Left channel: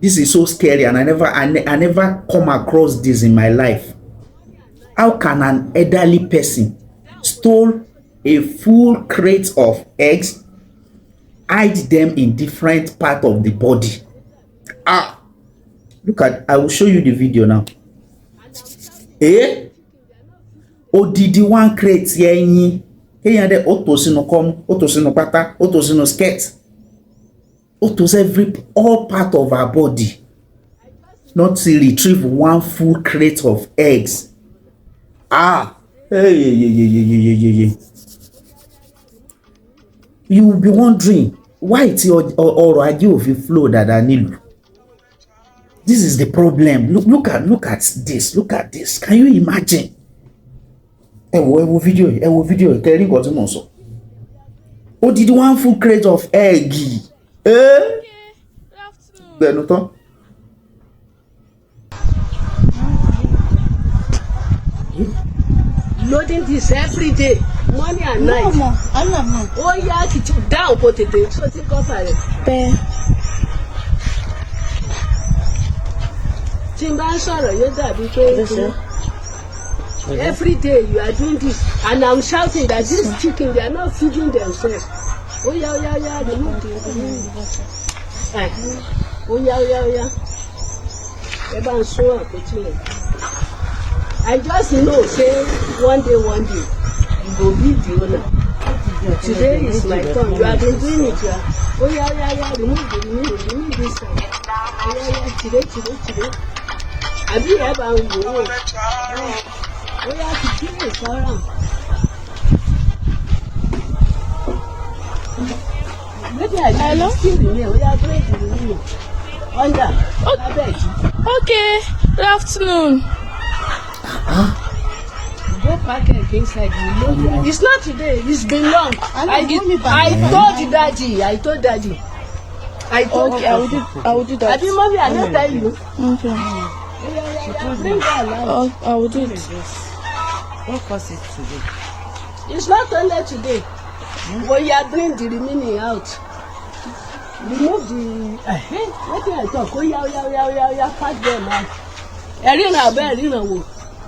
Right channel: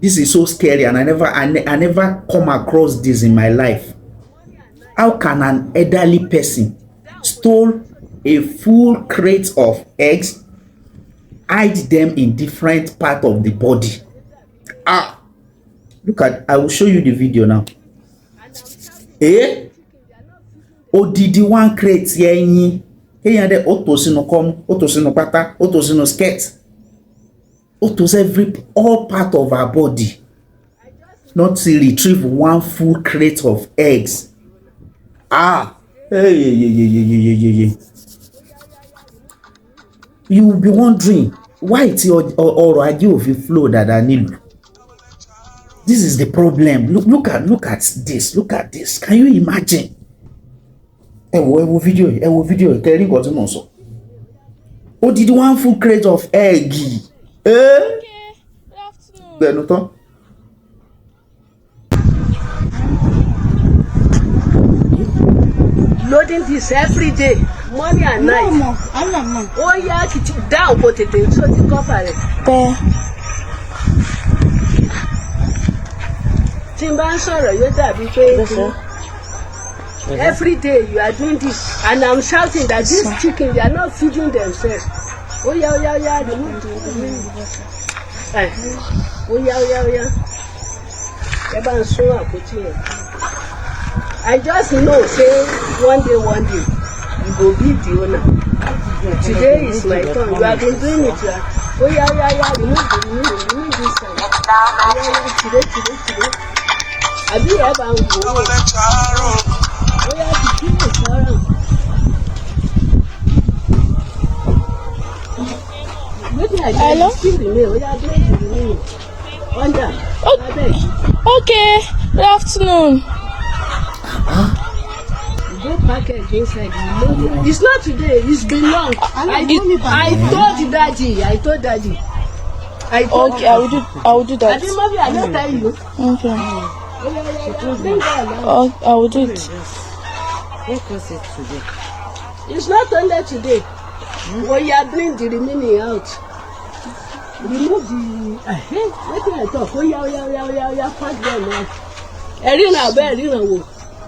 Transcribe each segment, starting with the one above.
This is so scary, and I never come across this in my life. How can an elderly person stole a full crate of eggs, hide them in different part of the body? Look at, I will show you the video now. Odidi one crate yenyi. Here the otos no come, otos no pata, otos no skirt. Otos all part of our body. Not to retrieve one full crate of eggs. You will be wondering why it's your idea of flow that I need. This is the problem. Look at this. Look at this. Can you imagine? Video. Telling what you so. Oh, did one full crate of egg? Loading this every day, morning and night. No. Oh yeah, it's down potato, so you cover it. Every day you are doing this, and I'm shouting that these chickens, they are not feeding themselves. Oh yeah, I just know, say one day, you go be the owner. Today is my turn. You have been doing it. Oh yeah, remove this side. Today. Have you ever go? Oh yeah, to kill it, Hello? Okay, good afternoon. Go pack it inside. It's not today, it's been long. I told daddy. Okay, I will do that. I didn't tell you. Okay. I will do it. What was it today? It's not only today. When you are doing the remaining out, remove the. What do I talk? Oh yeah, pack them out.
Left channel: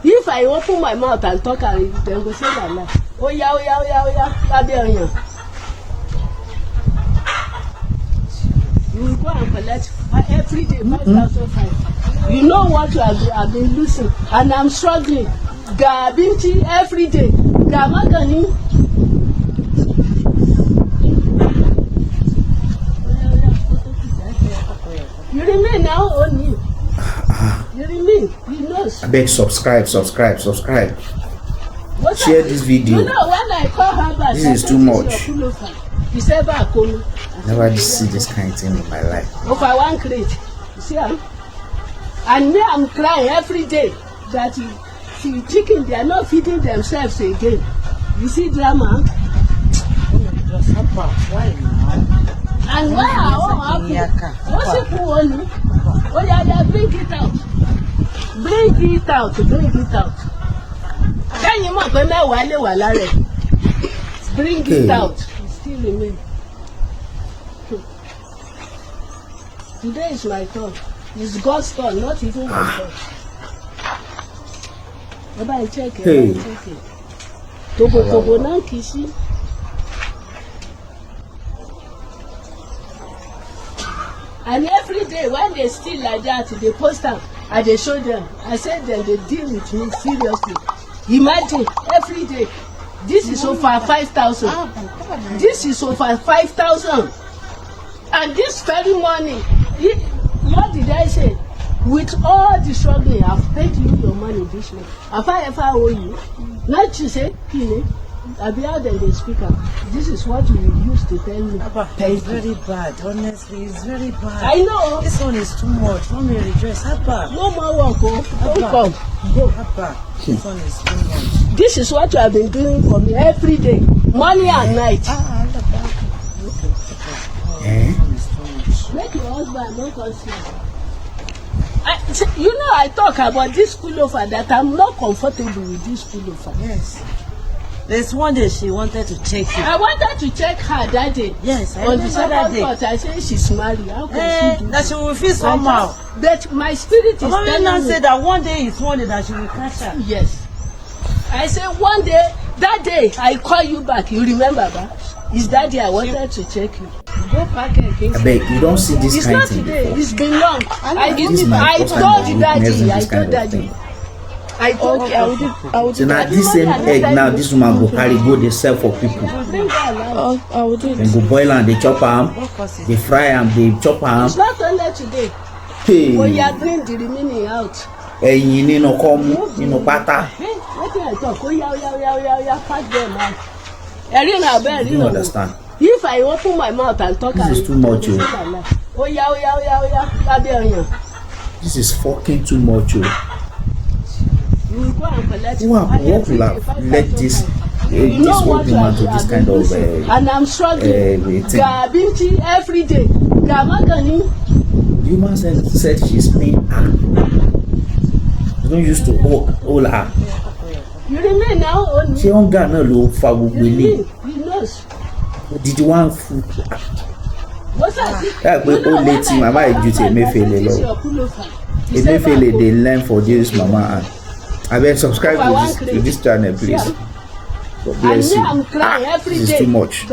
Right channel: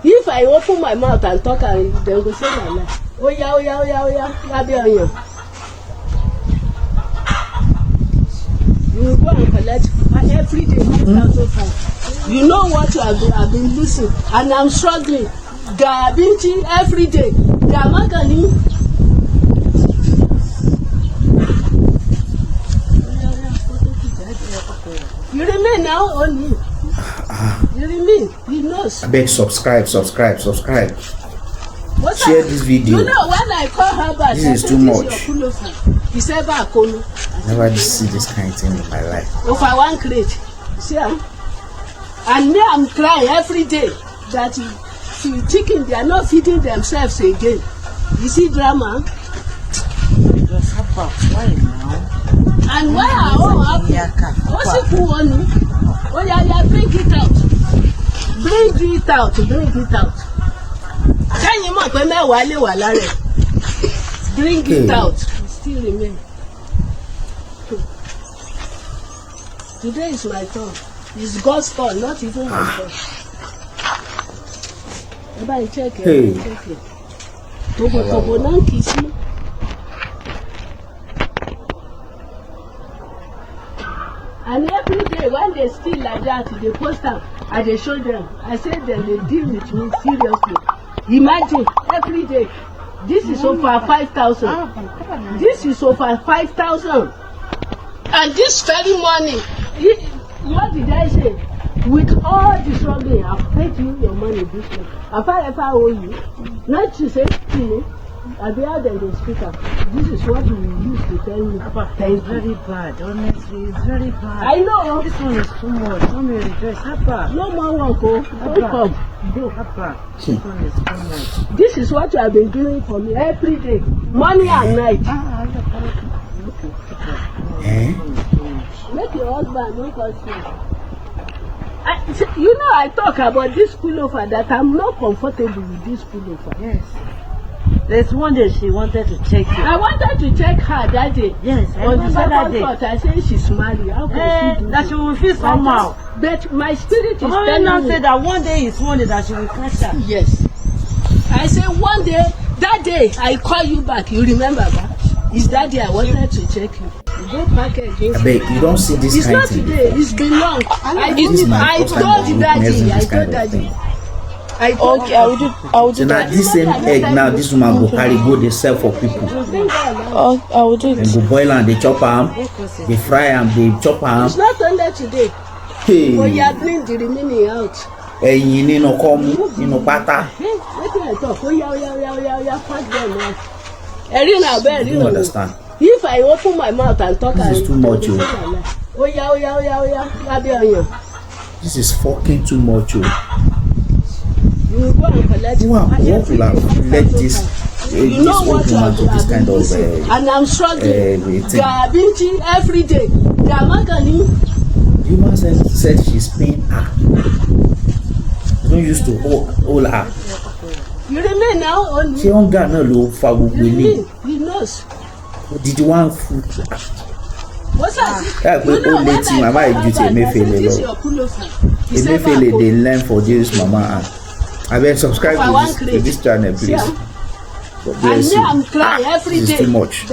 If I open my mouth and talk, and then they say my mouth. Oh yeah. You go and collect every day 5,500. You know what you have been listening, and I'm struggling. They are being every day. They are not going. You remain now only. You remain. He knows. I beg, subscribe. Share this video. You know when I call her back, this is too much. He said that I never see this kind of thing in my life. Over one crate. You see, and me, I'm crying every day that the chicken, they are not feeding themselves again. You see drama? And why are all happy? What's it for one? Oh yeah, bring it out. Can you make when I bring it out? Still remain. Today is my turn. It's God's turn, not even my turn. Take it. Togo, now kiss me. And every day when they steal like that, they post them and they show them. I said them, they deal with me seriously. Imagine every day. This is over 5,000. This is over 5,000. And this very morning, what did I say? With all the struggling, I've paid you your money this month. Have I ever owe you? Not you say, I'll be out there the speaker. This is what you used to tell me. It's very bad, honestly, it's very bad. I know. This one is too much. Don't me redress. Abba. No more work, don't come. Abba. This one is too much. This is what you have been doing for me every day, morning and night. Make your husband make us smile. You know, I talk about this pullover that I'm not comfortable with this pullover. Yes. There's one day she wanted to check you. I wanted to check her that day. Yes, I On the remember that day. second thought, I said she's married. How can she do That she will feel somehow. But my spirit is Don't you telling not me. say that one day is one day that she will catch her? Yes. I said one day, that day I call you back. You remember that? Is that day I wanted to check you. Go back again. I beg you don't see this It's kind not of thing today. before. It's been long. This is my first time of witnessing this kind of thing. I told Okay, I will do. I will So do now that. this same egg now this woman go carry go dey sell for people. I will do Dem it. go boil am, dey chop am, dey fry am, dey chop am. It's not only today. Hey, We are bring the remaining out. ẹyin nínú kọ́mú nínú pátá. Yes, what do I talk? Oh, yeah, pack them out. I didn't You don't understand. If I open my mouth and talk, This I is will too much, oh. Oh, yeah, there you. This is fucking too much. Oh. You go and collect. What will have led this old woman to this kind of and I'm struggling. thing? Binti every day. Magani. The woman said she's paying her. You don't used to hold her. You remain now on Ṣé hunger náà ló fa gbogbo ilé? He knows. Did one food? What's that? Ẹ pé ó létí màmá ìjú ti Emefiele lọ. Emefiele dey learn for this mama and abeg subscribe to this channel please. God bless you. This is too much.